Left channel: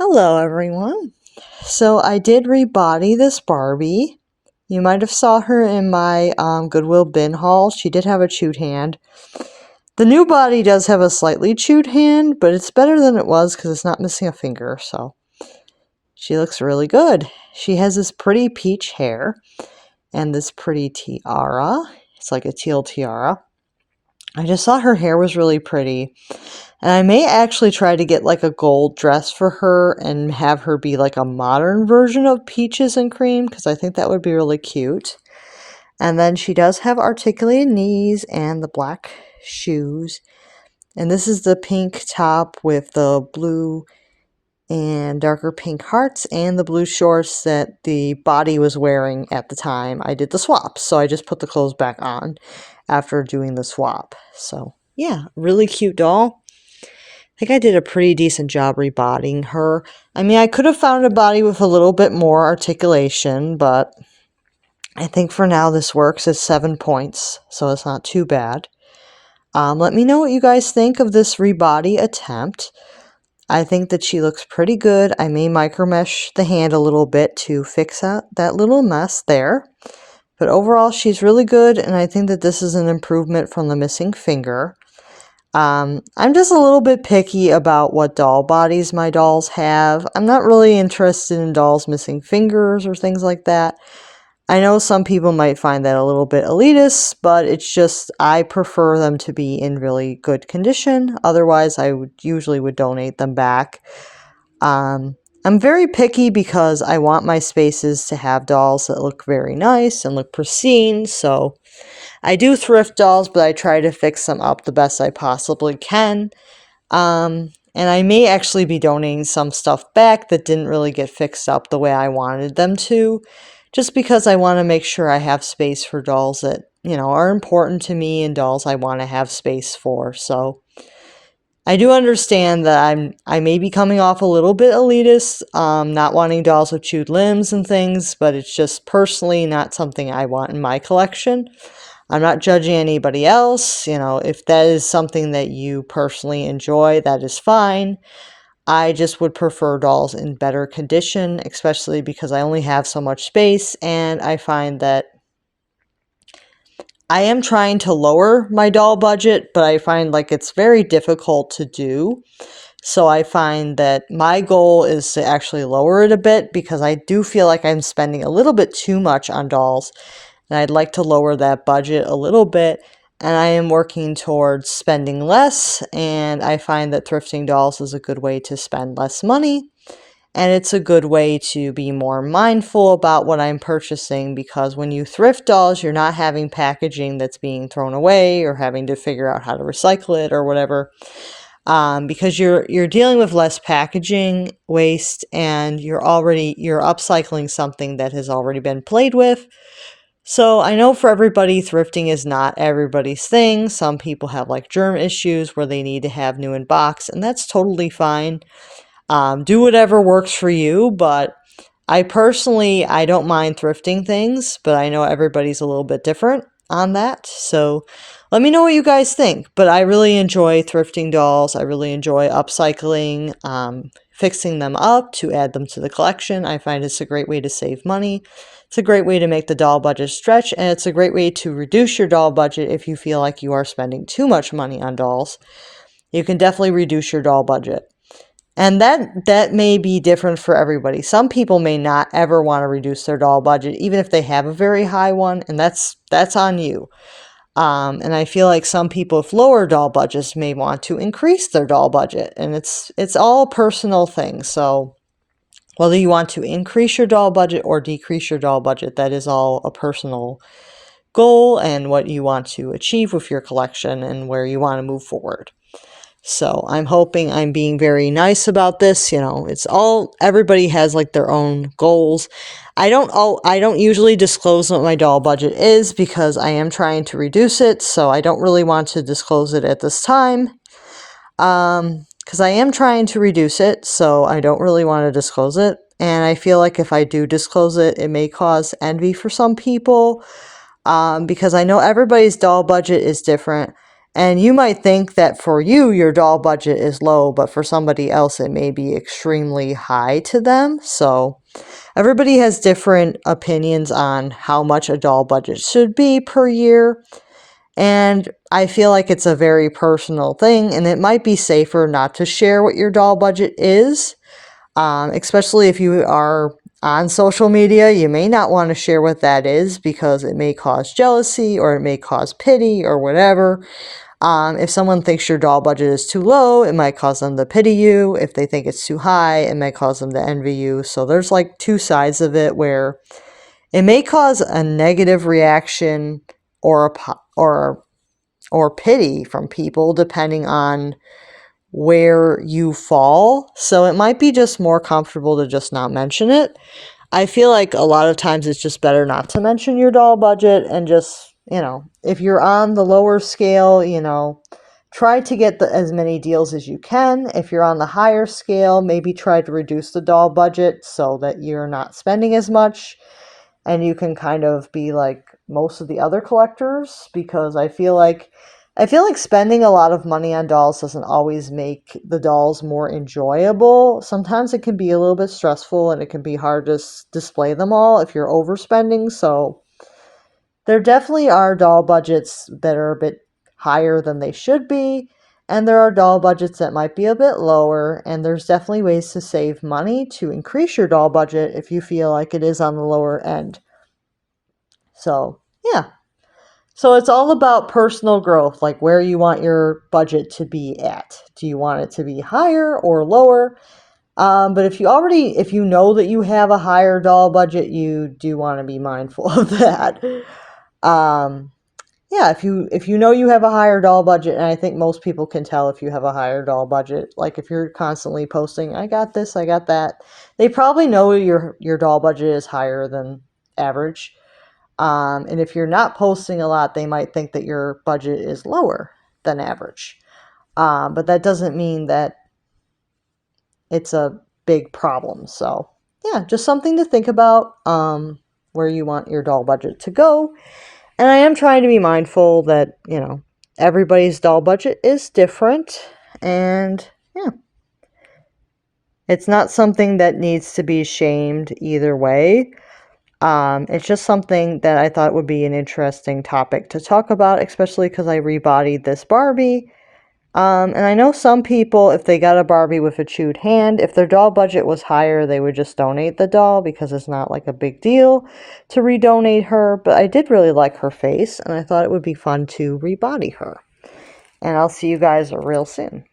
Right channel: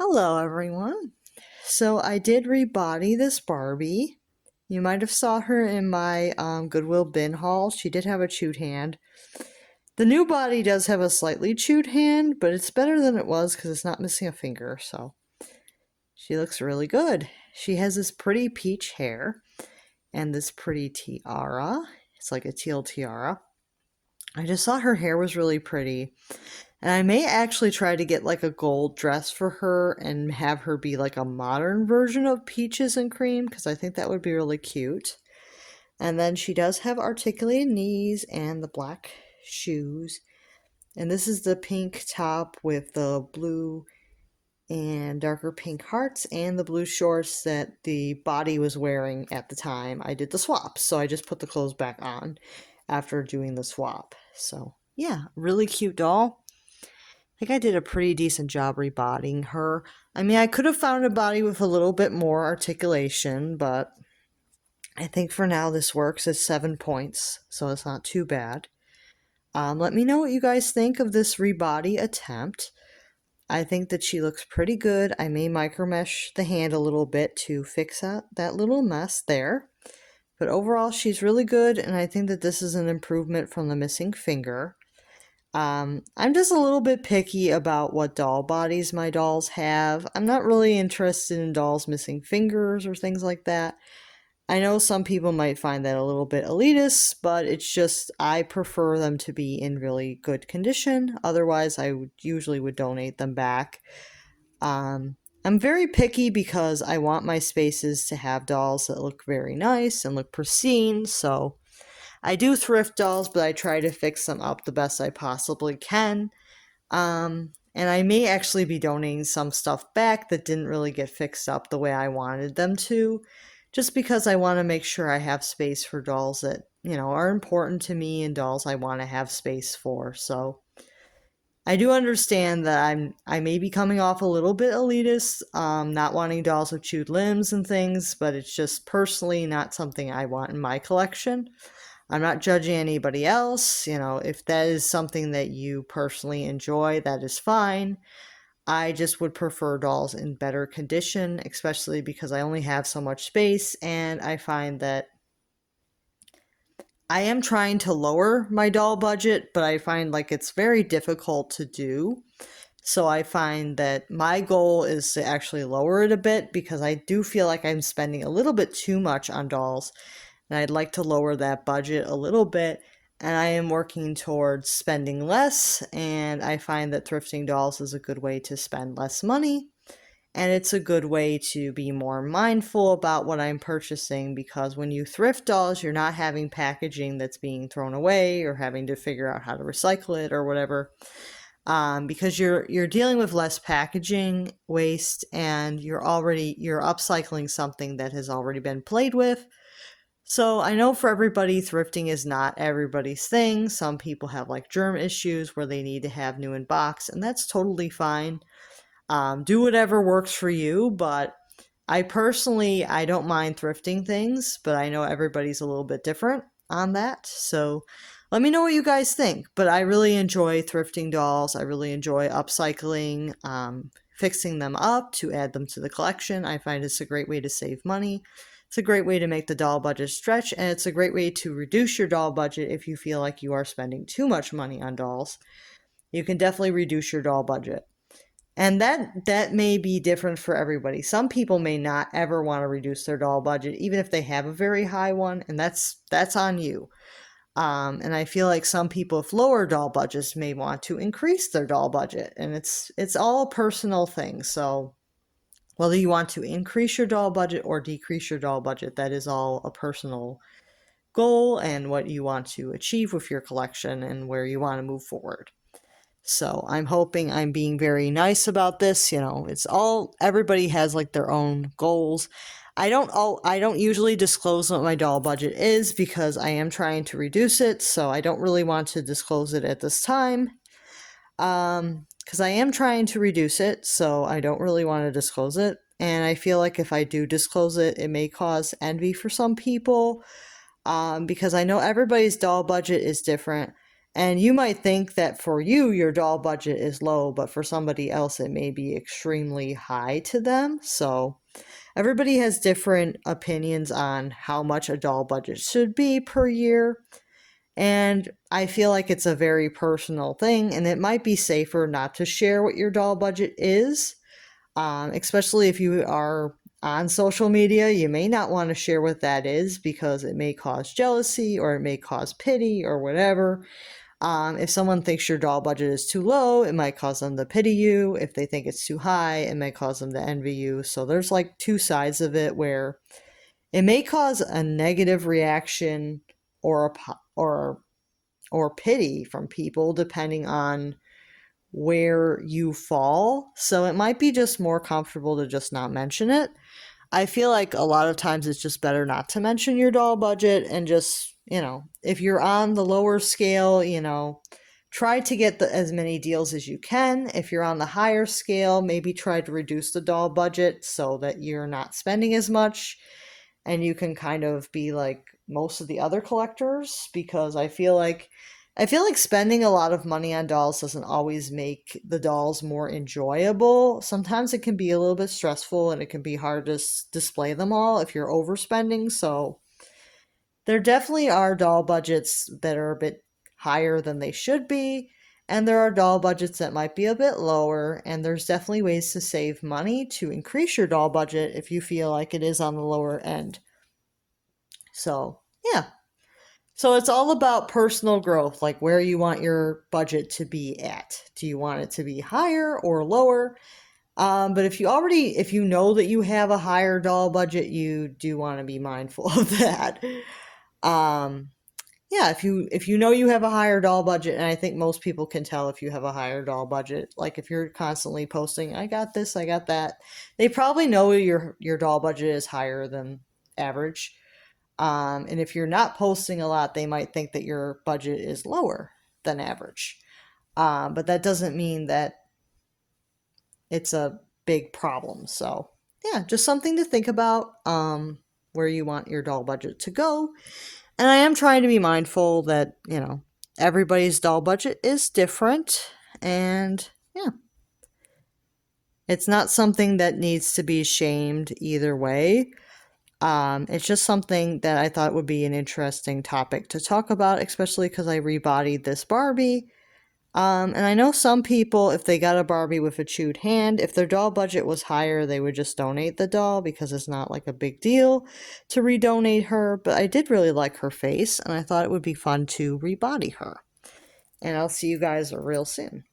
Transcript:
Hello everyone. So I did rebody this Barbie. You might have saw her in my Goodwill bin haul. She did have a chewed hand. The new body does have a slightly chewed hand, but it's better than it was because it's not missing a finger, so she looks really good. She has this pretty peach hair and this pretty tiara. It's like a teal tiara. I just thought her hair was really pretty. And I may actually try to get like a gold dress for her and have her be like a modern version of Peaches and Cream because I think that would be really cute. And then she does have articulated knees and the black shoes. And this is the pink top with the blue and darker pink hearts and the blue shorts that the body was wearing at the time I did the swap. So I just put the clothes back on after doing the swap. So yeah, really cute doll. I think I did a pretty decent job rebodying her. I mean, I could have found a body with a little bit more articulation, but I think for now this works. It's 7 points, so it's not too bad. Let me know what you guys think of this rebody attempt. I think that she looks pretty good. I may micromesh the hand a little bit to fix that little mess there. But overall, she's really good, and I think that this is an improvement from the missing finger. I'm just a little bit picky about what doll bodies my dolls have. I'm not really interested in dolls missing fingers or things like that. I know some people might find that a little bit elitist, but it's just I prefer them to be in really good condition. Otherwise, I would usually donate them back. I'm very picky because I want my spaces to have dolls that look very nice and look pristine, so I do thrift dolls, but I try to fix them up the best I possibly can. And I may actually be donating some stuff back that didn't really get fixed up the way I wanted them to, just because I want to make sure I have space for dolls that, are important to me and dolls I want to have space for. So I do understand that I may be coming off a little bit elitist, not wanting dolls with chewed limbs and things, but it's just personally not something I want in my collection. I'm not judging anybody else. If that is something that you personally enjoy, that is fine. I just would prefer dolls in better condition, especially because I only have so much space, and I find that I am trying to lower my doll budget, but I find like it's very difficult to do. So I find that my goal is to actually lower it a bit because I do feel like I'm spending a little bit too much on dolls. And I'd like to lower that budget a little bit, and I am working towards spending less, and I find that thrifting dolls is a good way to spend less money, and it's a good way to be more mindful about what I'm purchasing, because when you thrift dolls, you're not having packaging that's being thrown away or having to figure out how to recycle it or whatever, because you're dealing with less packaging waste, and you're upcycling something that has already been played with. So I know for everybody, thrifting is not everybody's thing. Some people have like germ issues where they need to have new in box, and that's totally fine. Do whatever works for you, but I don't mind thrifting things, but I know everybody's a little bit different on that. So let me know what you guys think. But I really enjoy thrifting dolls. I really enjoy upcycling, fixing them up to add them to the collection. I find it's a great way to save money. It's a great way to make the doll budget stretch, and it's a great way to reduce your doll budget if you feel like you are spending too much money on dolls. You can definitely reduce your doll budget. And that may be different for everybody. Some people may not ever want to reduce their doll budget, even if they have a very high one, and that's on you. And I feel like some people with lower doll budgets may want to increase their doll budget, and it's all a personal thing. So whether you want to increase your doll budget or decrease your doll budget, that is all a personal goal and what you want to achieve with your collection and where you want to move forward. So I'm hoping I'm being very nice about this. Everybody has like their own goals. I don't usually disclose what my doll budget is because I am trying to reduce it. So I don't really want to disclose it at this time. Because I am trying to reduce it, so I don't really want to disclose it. And I feel like if I do disclose it, it may cause envy for some people, because I know everybody's doll budget is different. And you might think that for you, your doll budget is low, but for somebody else, it may be extremely high to them. So everybody has different opinions on how much a doll budget should be per year. And I feel like it's a very personal thing, and it might be safer not to share what your doll budget is, especially if you are on social media. You may not want to share what that is because it may cause jealousy or it may cause pity or whatever. If someone thinks your doll budget is too low, it might cause them to pity you. If they think it's too high, it might cause them to envy you. So there's like two sides of it where it may cause a negative reaction or or pity from people depending on where you fall. So it might be just more comfortable to just not mention it. I feel like a lot of times it's just better not to mention your doll budget and just, if you're on the lower scale, try to get as many deals as you can. If you're on the higher scale, maybe try to reduce the doll budget so that you're not spending as much and you can kind of be like most of the other collectors, because I feel like spending a lot of money on dolls doesn't always make the dolls more enjoyable. Sometimes it can be a little bit stressful and it can be hard to display them all if you're overspending. So there definitely are doll budgets that are a bit higher than they should be, and there are doll budgets that might be a bit lower, and there's definitely ways to save money to increase your doll budget if you feel like it is on the lower end. So, yeah. So it's all about personal growth, like where you want your budget to be at. Do you want it to be higher or lower? But if you know that you have a higher doll budget, you do want to be mindful of that. Yeah, if you know you have a higher doll budget, and I think most people can tell if you have a higher doll budget, like if you're constantly posting, I got this, I got that, they probably know your doll budget is higher than average. And if you're not posting a lot, they might think that your budget is lower than average. But that doesn't mean that it's a big problem. So yeah, just something to think about, where you want your doll budget to go. And I am trying to be mindful that, everybody's doll budget is different. And yeah, it's not something that needs to be shamed either way. It's just something that I thought would be an interesting topic to talk about, especially because I rebodied this Barbie. And I know some people, if they got a Barbie with a chewed hand, if their doll budget was higher, they would just donate the doll because it's not like a big deal to redonate her. But I did really like her face, and I thought it would be fun to rebody her. And I'll see you guys real soon.